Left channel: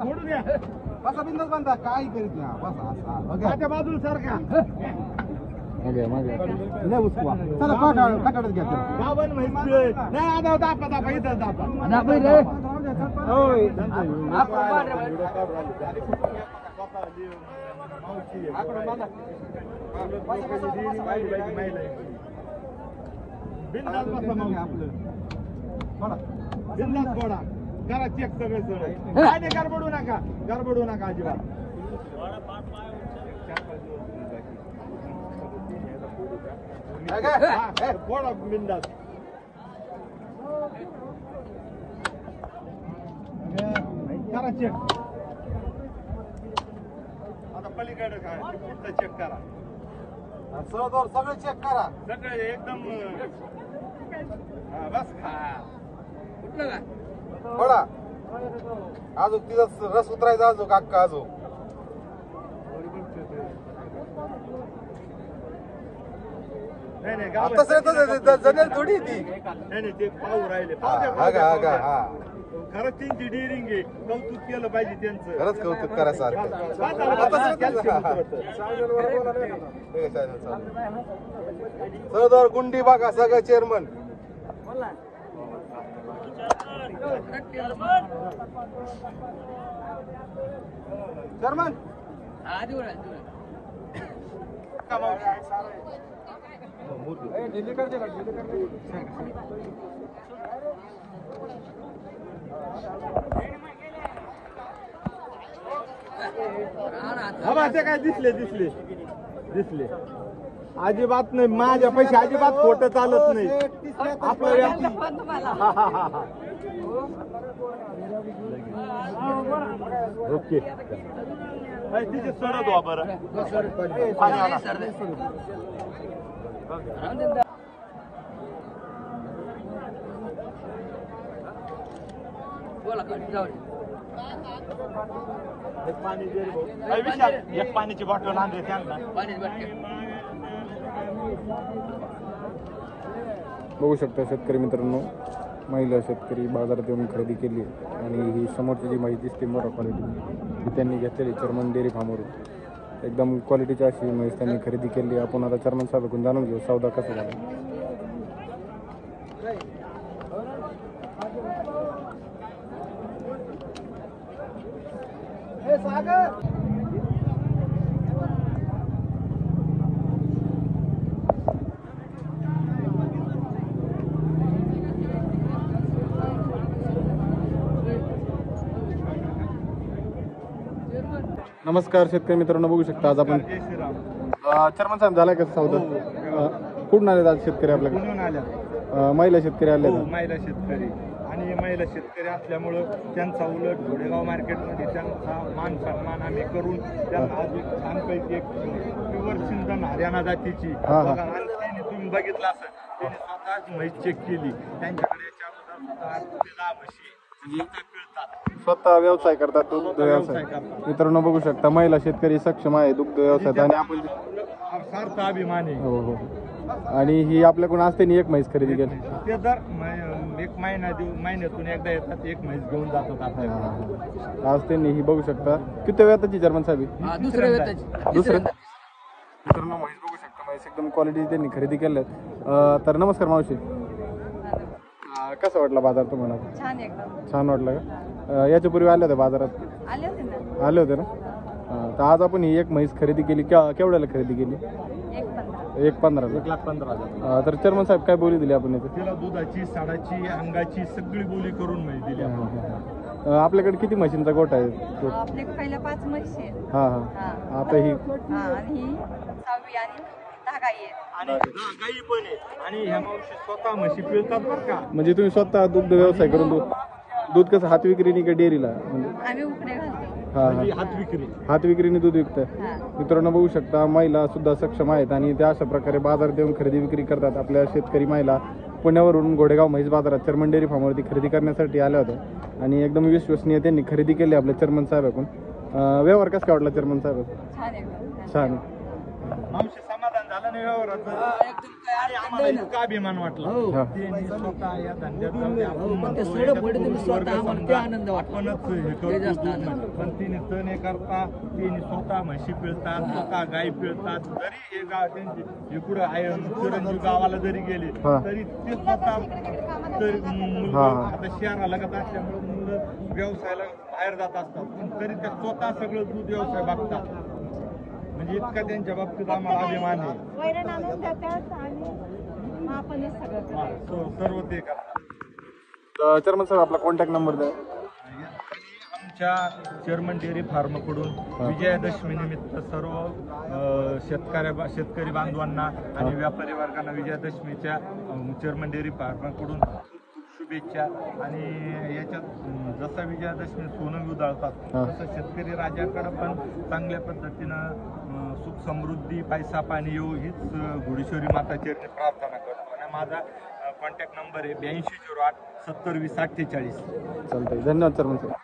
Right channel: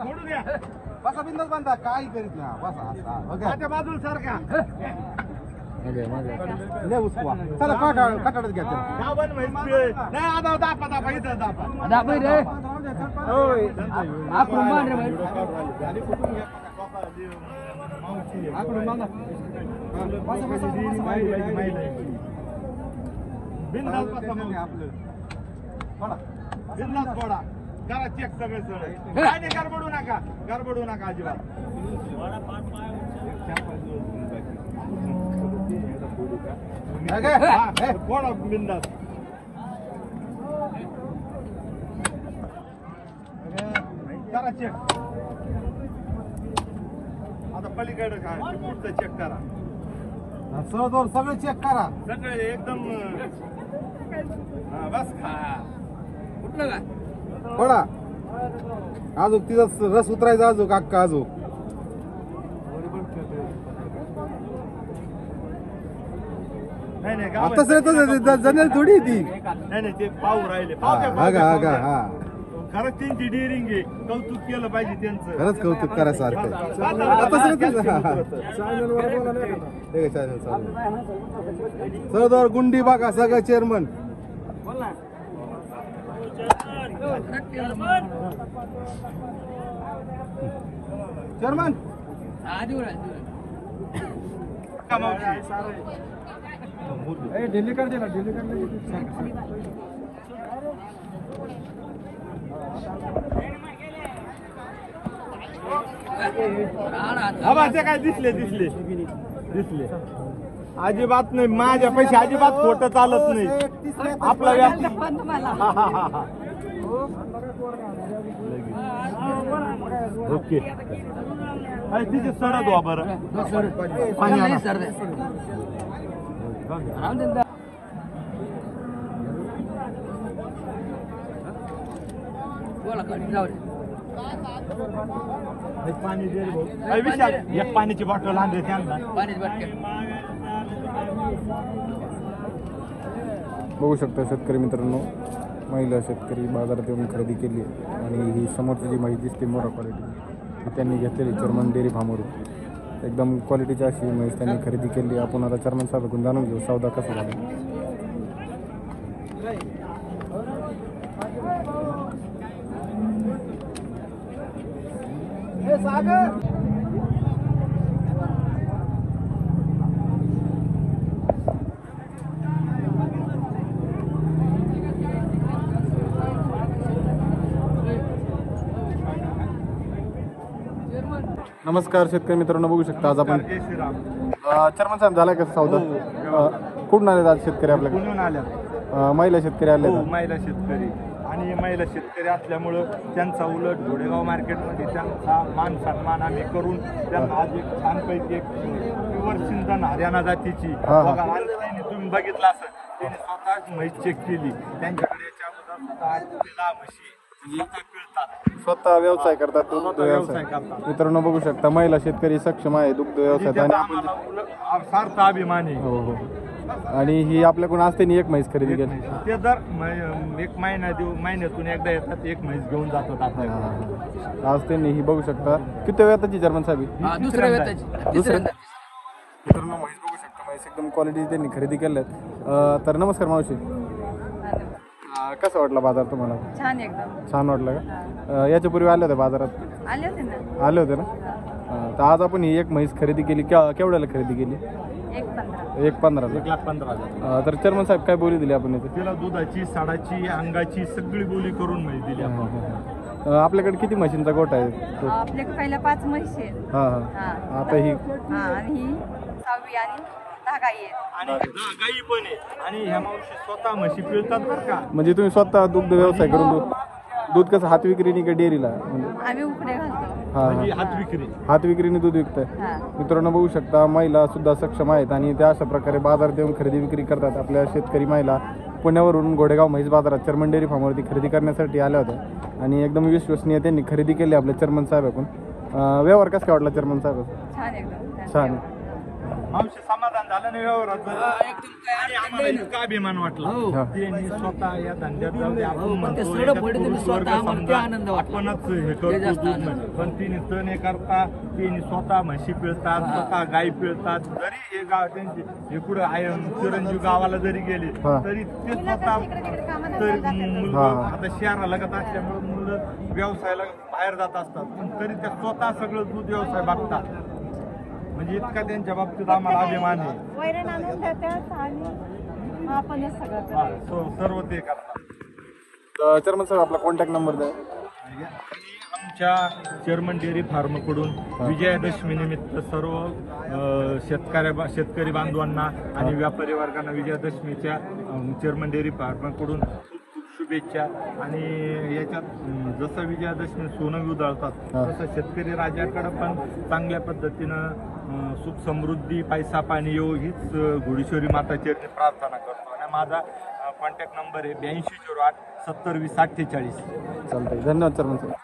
मोडून द्या बसा बिंदास बांधा काय करीत ना बसा माझ्या बाजूला सर का चला कटडच घ्या दाबण माहिती नाही आता दापा दापा इथं दापा दाबा रे होय आकडून बांध रे भाई आकडून बांधा बिनधास्त बसा मग आपलं बिनधास्त पडा करा चेक सगळं सर काय नाही गडबडू नका अजिबात पडा बिनधास्त करा चेक आता पलीकडे काय पुढचं चेक करा सगळं चेक करा सगळे एकदम बस खा कुठलं का पडा अजून तिथं रस उतरायचा अजून अक्का अजून नाही तसं जनेल थोडी ती नाही ते पाहू राहिले खरंच त्यांची डेअरिंग आहे कौतुक केलं पाहिजे त्यांचं खरंच कौतुक करायसारखं सरदार गुंडी बघा सगळं चेअरमन चेअरमन दिल्ली कर दे दिल्ली कर काय दिसले अजिबात नाही माझ्या पैसे अजिबात खोटं चालत नाही आपला ओके तिथे सरळ द्या बरं एक पाण्याची बॉटल आणली त्यांना बघू शकता शेतकरी मित्रांनो महिला शेतकरी बाजारात येऊन खरेदी केली आणि ही समोरची जी म्हैस दिसते मोरा क्वालिटी त्यांनी घेतलेली चर्मन डेअरी फार्मवरून एकदम क्वालिटीची अशी म्हैस त्यांनी खरेदी केली आपण आता चर्मन साहेबांकडून जाणून घेऊ सौदा कसा झाला नमस्कार शेतकरी मित्रांनो बघू शकता आज आपण चर्मन साहेब झालाय का सौदा कुठून आले आज शेतकरी आपल्याकडे महिला शेतकरी आले महिला शेतकरी आणि महिला शेतकरी असल्यामुळं त्यांचा उलट घोडेगाव मार्केटमध्ये त्यांचा मान सन्मान आम्ही करून त्यांना आज एक छानपैकी एक प्युअर सिंधन हरियाणा जातीची बघा आणि तुम्ही बघितलं असं त्यांनी स्वतः म्हैस चेक केली त्यांच्याकडे याच्या अगोदर सुद्धा म्हशी स्वतः व्यवसाय करतात दुग्ध व्यवसाय मित्रांनो बघू शकता महिला शेतकरी सक्षम आहे दुग्ध व्यवसायात आणि आपण सार्थ अभिमानी आणि ही आपल्याकडून असते एक म्हैस खरेदी केली ते दर एक महिन्यातून एकदा येतात एक म्हैस घेऊन जातात आपल्याकडे आज त्यांनी ही बघू शकता किती वेळाची चर्मन साहेब दुसऱ्या मित्रांनो म्हैस बघू शकता म्हैस एकदम क्वालिटी त्यांनी खरेदी केल्यात तर नमस्कार मावशी कसा वाटला बाजार तुम्हाला छान एकदम छान वाटलं का याच्यापूर्वी आले होते बाजारात आले होते ना तर आज आपण ही एक म्हैस खरेदी केली केवढ्याला खरेदी केली 1.15 तर चर्मन साहेब काय बोली दिली आपण तिला दुधाची साडाची अंगाची सगळी बोली करून म्हैस दिली आपल्याकडे किती म्हशींचा गोठा आहे आपल्याकडे पहिल्या 5 म्हशी आहेत आता ही आणि ही 6वी आणि 10 गाई आहेत आणि गाई पण आहे आणि ह्या मावशी स्वतः म्हशी पिळतात बरं का म्हणजे तुम्ही स्वतः दुग्ध व्यवसाय करून दूध कसं हात विक्रीने का डेअरीला आम्ही उकडे घालतो हात विक्रीने दूध विकतात मित्रांनो बघू शकता महिला सुद्धा सक्षम आहेत आणि त्या अशा प्रकारे बाजारात येऊन खरेदी विक्री करतात आपल्या शेतकरी महिला पुण्यावरून घोडेगाव म्हैस बाजारात चर्मन डेअरी फार्मवरती खरेदी करण्यासाठी आल्या होत्या आणि एकदम विश्वसनीय त्यांनी खरेदी केली आपल्या चर्मन साहेबांकडून व्यवहार कसा वाटला चर्मन साहेब छान एकदम छान मावशी समाधान झालं नाही व्यवहाराचं आणि आम्हाला इतका अभिमान वाटला त्यांनी स्वतः या धंद्यात जाऊ दे आपण म्हणतो याच्यात पुरुष वर्ग समजा आपणच हे करतो दूध नाही. पण तिने तण हे करता तिने स्वतः म्हशी पिळतात स्वतः गाई पिळतात जरी हे गाव त्यांची हे पुढे चिरंजीव गावाला जरी गेले तरी ते स्वतः तर मुलं आता शहराला लगत असल्यामुळे मुलं व्यवसायाला बाहेर जात असतात पण तरी ते स्वतः सगळं दूध व्यवसाय बघतात म्हणजे इतका त्यांच्या बाबतीत आम्हाला अभिमान आहे. वैरण आणून देते आणि आपणच सगळं करायचं. सर्व ते करतात. चेअरमन साहेब आपला कॉन्टॅक्ट नंबर द्या. आणि आमच्या चेअरमन डेअरी फार्मकडून विजयादशमी निमित्त सर्व शेतकरी बांधवांना आणि व्यापारी वर्गांना विजयादशमीच्या चेअरमन डेअरी फार्मकडून खूप शुभेच्छा. आणि याच्यात जसं विजयादशमी सोनं उधळतात तसं शेतकरी राजाकडे पण चांगल्या पद्धतीनं सुख समृद्धी पैसा पाणी येऊ हीच घोडेश्वरी माता चरणी प्रार्थना करतो. आणि माझा कॉन्टॅक्ट नंबर आहे 8208 70 20 48. चालतंय. धन्यवाद चेअरमन साहेब.